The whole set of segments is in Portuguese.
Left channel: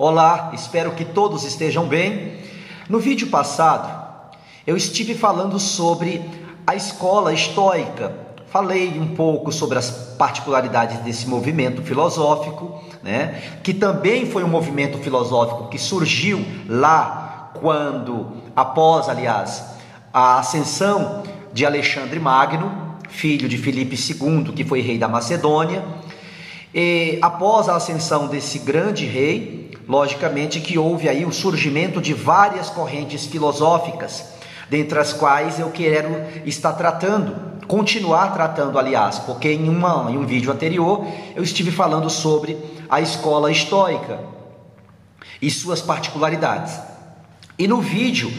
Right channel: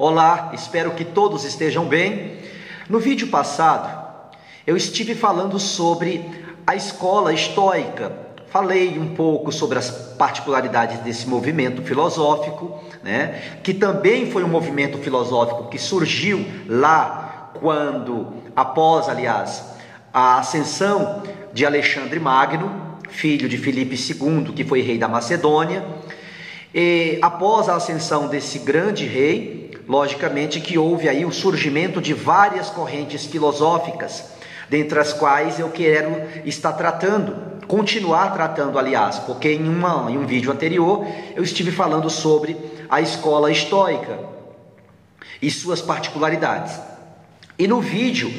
Olá, espero que todos estejam bem. No vídeo passado, eu estive falando sobre a escola estoica. Falei um pouco sobre as particularidades desse movimento filosófico, que também foi um movimento filosófico que surgiu lá após a ascensão de Alexandre Magno, filho de Filipe II, que foi rei da Macedônia. E após a ascensão desse grande rei, logicamente que houve aí o surgimento de várias correntes filosóficas, dentre as quais eu quero continuar tratando, porque em um vídeo anterior eu estive falando sobre a escola estoica e suas particularidades. E no vídeo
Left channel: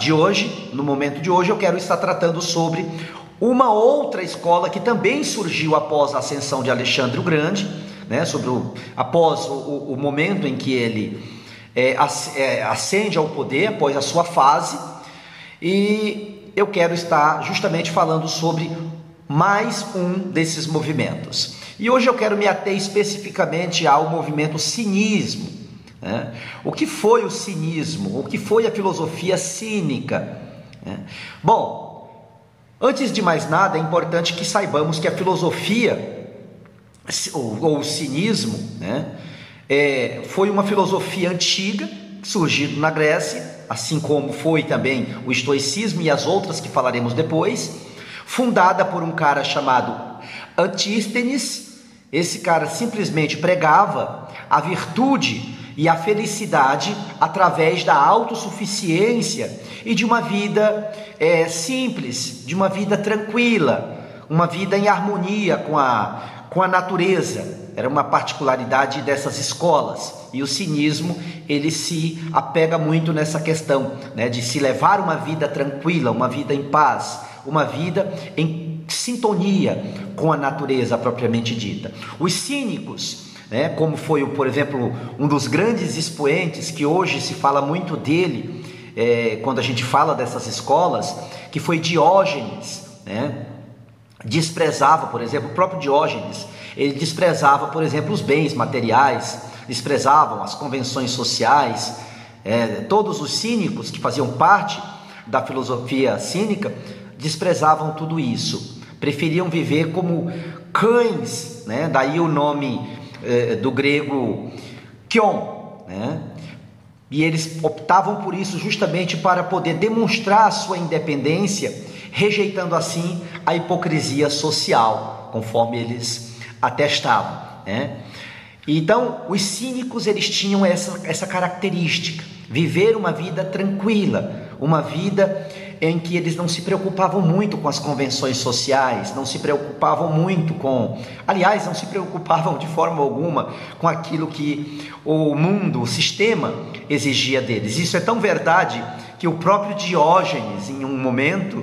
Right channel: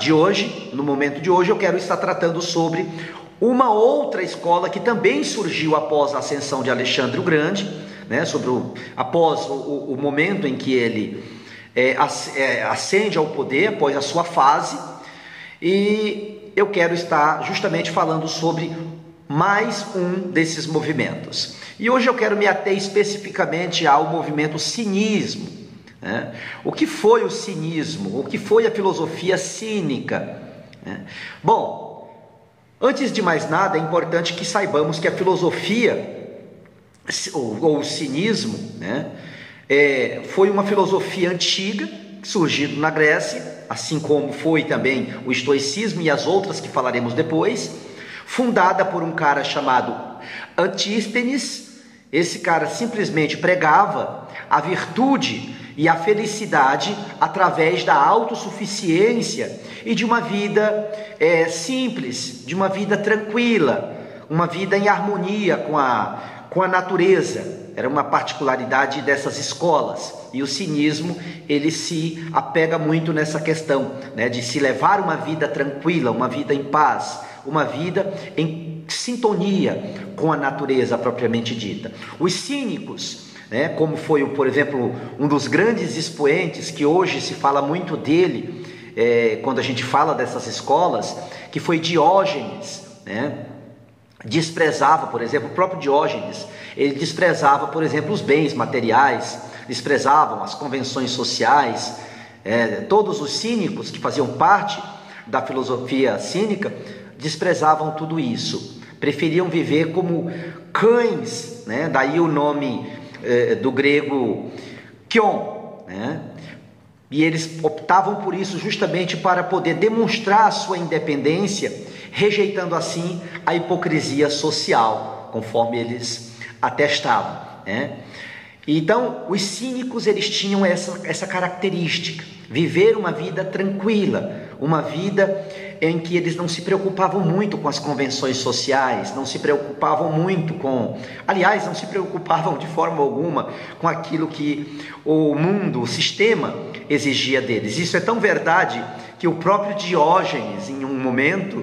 de hoje, no momento de hoje, eu quero estar tratando sobre uma outra escola que também surgiu após a ascensão de Alexandre o Grande, após o momento em que ele ascende ao poder, após a sua fase. E eu quero estar justamente falando sobre mais um desses movimentos. E hoje eu quero me ater especificamente ao movimento cinismo. O que foi o cinismo? O que foi a filosofia cínica? Bom, antes de mais nada, é importante que saibamos que a filosofia, ou o cinismo, foi uma filosofia antiga, surgido na Grécia, assim como foi também o estoicismo e as outras que falaremos depois, fundada por um cara chamado Antístenes. Esse cara simplesmente pregava a virtude e a felicidade através da autossuficiência e de uma vida simples, de uma vida tranquila, uma vida em harmonia com a natureza. Era uma particularidade dessas escolas. E o cinismo, ele se apega muito nessa questão, de se levar uma vida tranquila, uma vida em paz, uma vida em sintonia com a natureza propriamente dita. Os cínicos, como foi, por exemplo, um dos grandes expoentes, que hoje se fala muito dele, quando a gente fala dessas escolas, que foi Diógenes, desprezava, por exemplo, o próprio Diógenes, ele desprezava, por exemplo, os bens materiais, desprezavam as convenções sociais. Todos os cínicos que faziam parte da filosofia cínica desprezavam tudo isso, preferiam viver como cães, daí o nome do grego kion, e eles optavam por isso justamente para poder demonstrar a sua independência, rejeitando assim a hipocrisia social, conforme eles atestavam. Então, os cínicos, eles tinham essa característica, viver uma vida tranquila, uma vida em que eles não se preocupavam muito com as convenções sociais, não se preocupavam muito não se preocupavam de forma alguma com aquilo que o mundo, o sistema exigia deles. Isso é tão verdade que o próprio Diógenes, em um momento,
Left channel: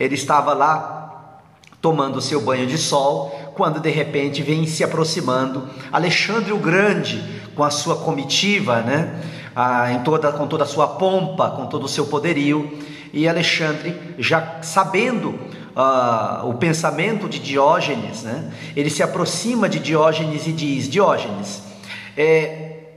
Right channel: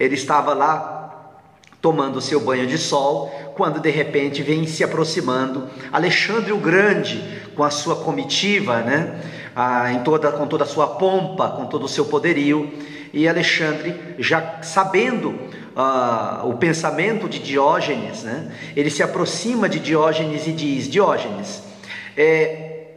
ele estava lá tomando seu banho de sol, quando de repente vem se aproximando Alexandre o Grande com a sua comitiva, com toda a sua pompa, com todo o seu poderio. E Alexandre, já sabendo o pensamento de Diógenes, ele se aproxima de Diógenes e diz: Diógenes,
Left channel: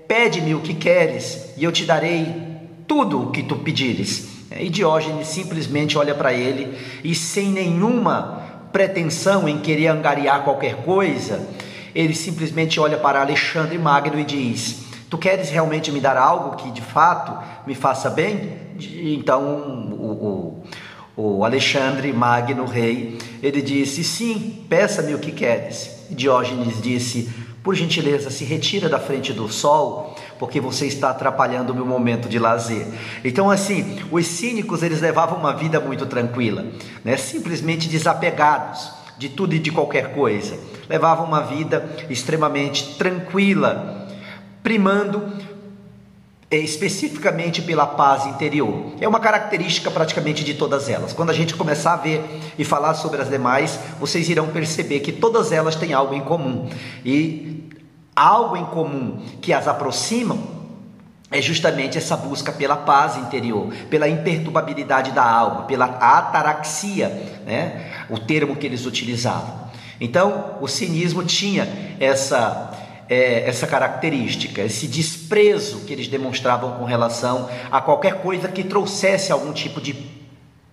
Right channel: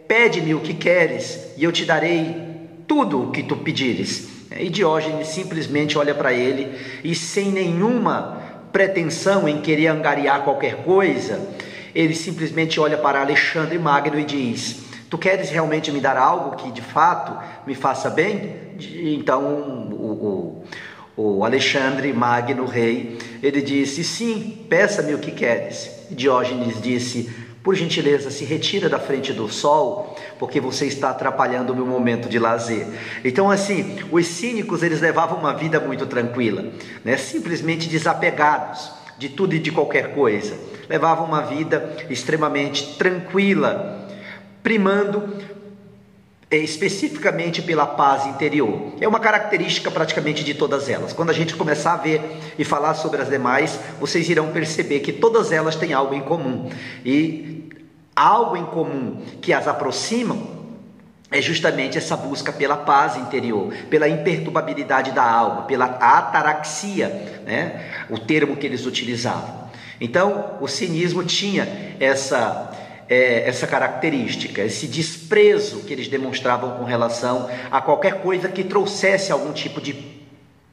pede-me o que queres e eu te darei tudo o que tu pedires. E Diógenes simplesmente olha para ele e, sem nenhuma pretensão em querer angariar qualquer coisa, ele simplesmente olha para Alexandre Magno e diz: tu queres realmente me dar algo que de fato me faça bem? Então o Alexandre Magno, rei, ele disse: sim, peça-me o que queres. Diógenes disse: por gentileza, se retira da frente do sol, porque você está atrapalhando o meu momento de lazer. Então, assim, os cínicos, eles levavam uma vida muito tranquila, simplesmente desapegados de tudo e de qualquer coisa. Levavam uma vida extremamente tranquila, primando especificamente pela paz interior. É uma característica praticamente de todas elas. Quando a gente começar a ver e falar sobre as demais, vocês irão perceber que todas elas têm algo em comum. E algo em comum que as aproximam é justamente essa busca pela paz interior, pela imperturbabilidade da alma, pela ataraxia, o termo que eles utilizavam. Então, o cinismo tinha essa característica, esse desprezo que eles demonstravam com relação a qualquer coisa que trouxesse algum tipo de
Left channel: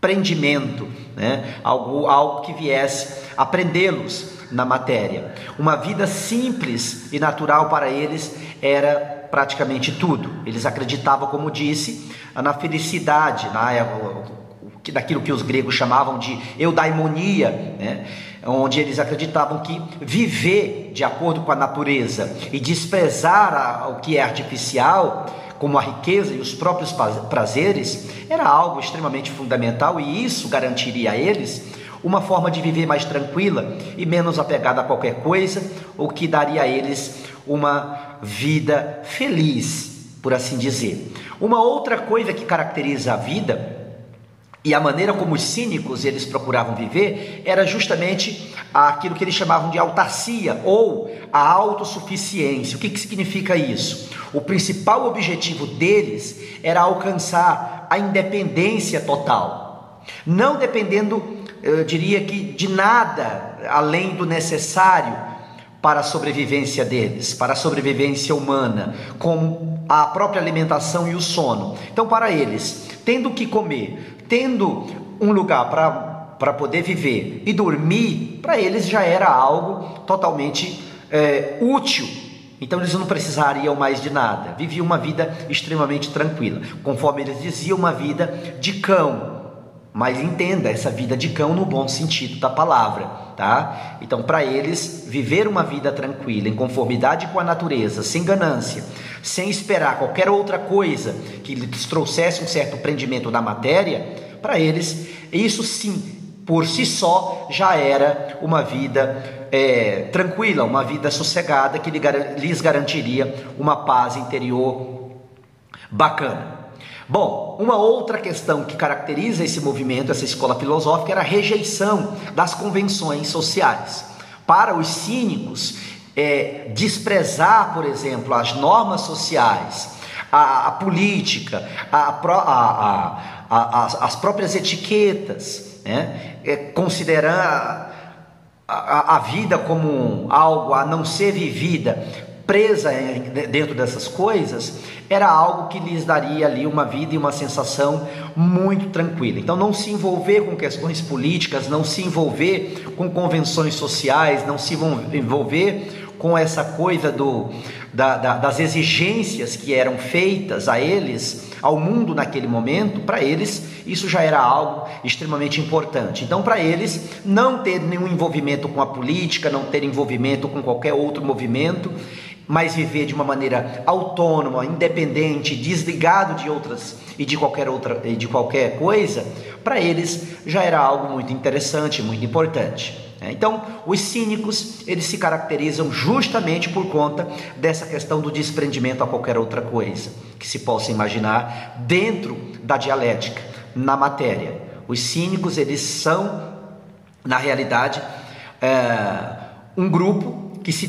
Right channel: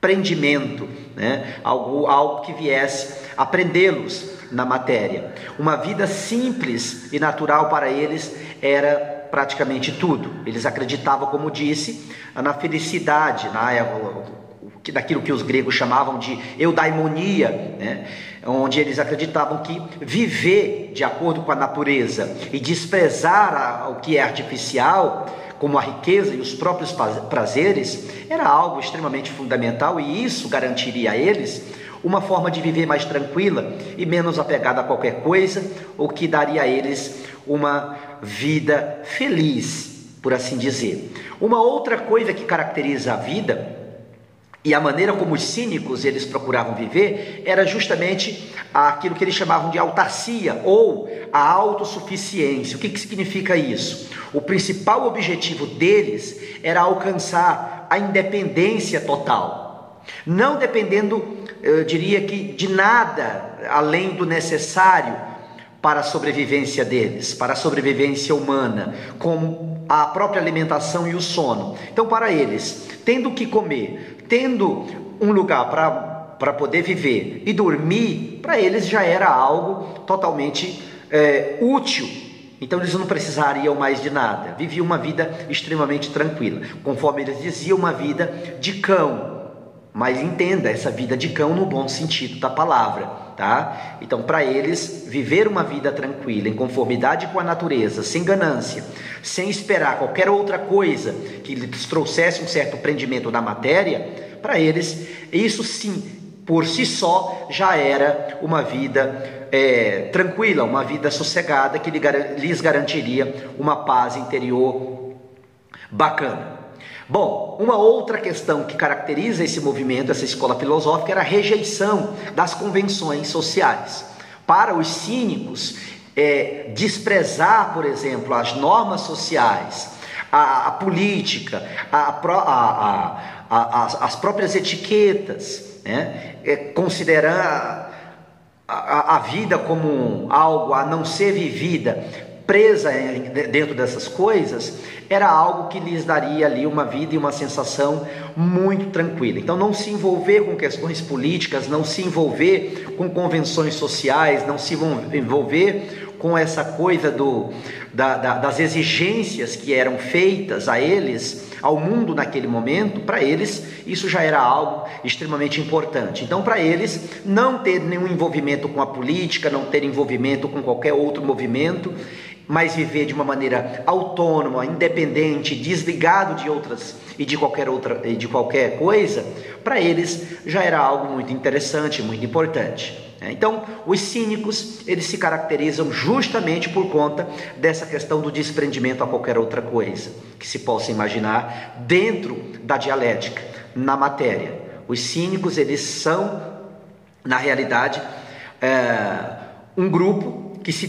prendimento, né? Algo que viesse a prendê-los na matéria. Uma vida simples e natural para eles era praticamente tudo. Eles acreditavam, como disse, na felicidade, daquilo que os gregos chamavam de eudaimonia, né? Onde eles acreditavam que viver de acordo com a natureza e desprezar o que é artificial, como a riqueza e os próprios prazeres, era algo extremamente fundamental, e isso garantiria a eles uma forma de viver mais tranquila e menos apegada a qualquer coisa, o que daria a eles uma vida feliz, por assim dizer. Uma outra coisa que caracteriza a vida e a maneira como os cínicos eles procuravam viver era justamente aquilo que eles chamavam de autarcia ou a autossuficiência. O que significa isso? O principal objetivo deles era alcançar a independência total, não dependendo, eu diria que, de nada além do necessário para a sobrevivência deles, para a sobrevivência humana, como a própria alimentação e o sono. Então, para eles, tendo o que comer, tendo um lugar para poder viver e dormir, para eles já era algo totalmente útil. Então eles não precisariam mais de nada, viviam uma vida extremamente tranquila, conforme eles diziam, uma vida de cão. Mas entenda, essa vida de cão no bom sentido da palavra, tá? Então, para eles, viver uma vida tranquila, em conformidade com a natureza, sem ganância, sem esperar qualquer outra coisa que lhes trouxesse um certo prendimento na matéria, para eles, isso sim, por si só, já era uma vida tranquila, uma vida sossegada, que lhes garantiria uma paz interior bacana. Bom, uma outra questão que caracteriza esse movimento, essa escola filosófica, era a rejeição das convenções sociais. Para os cínicos, desprezar, por exemplo, as normas sociais, a política, as próprias etiquetas, né? Considerar a vida como algo a não ser vivida, presa dentro dessas coisas, era algo que lhes daria ali uma vida e uma sensação muito tranquila. Então, não se envolver com questões políticas, não se envolver com convenções sociais, não se envolver com essa coisa das exigências que eram feitas a eles, ao mundo naquele momento. Para eles, isso já era algo extremamente importante. Então, para eles, não ter nenhum envolvimento com a política, não ter envolvimento com qualquer outro movimento, mas viver de uma maneira autônoma, independente, desligado de outras e de qualquer coisa, para eles já era algo muito interessante, muito importante. Então, os cínicos, eles se caracterizam justamente por conta dessa questão do desprendimento a qualquer outra coisa que se possa imaginar dentro da dialética, na matéria. Os cínicos, eles são, na realidade, um grupo que se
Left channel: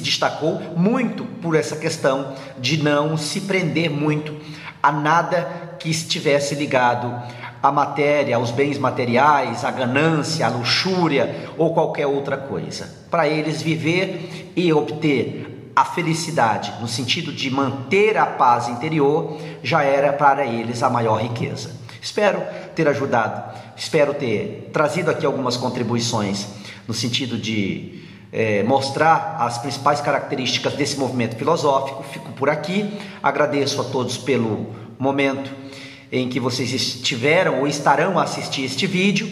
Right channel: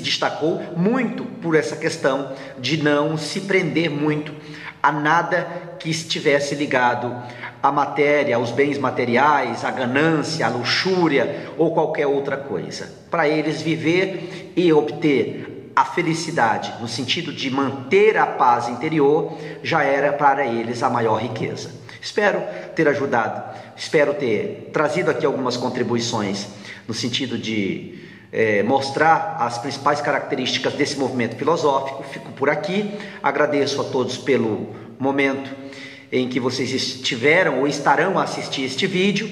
destacou muito por essa questão de não se prender muito a nada que estivesse ligado à matéria, aos bens materiais, à ganância, à luxúria ou qualquer outra coisa. Para eles, viver e obter a felicidade, no sentido de manter a paz interior, já era para eles a maior riqueza. Espero ter ajudado, espero ter trazido aqui algumas contribuições no sentido de mostrar as principais características desse movimento filosófico. Fico por aqui, agradeço a todos pelo momento em que vocês estiveram ou estarão a assistir este vídeo.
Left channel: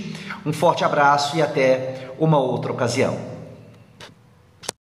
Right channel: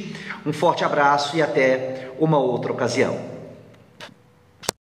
Um forte abraço e até uma outra ocasião.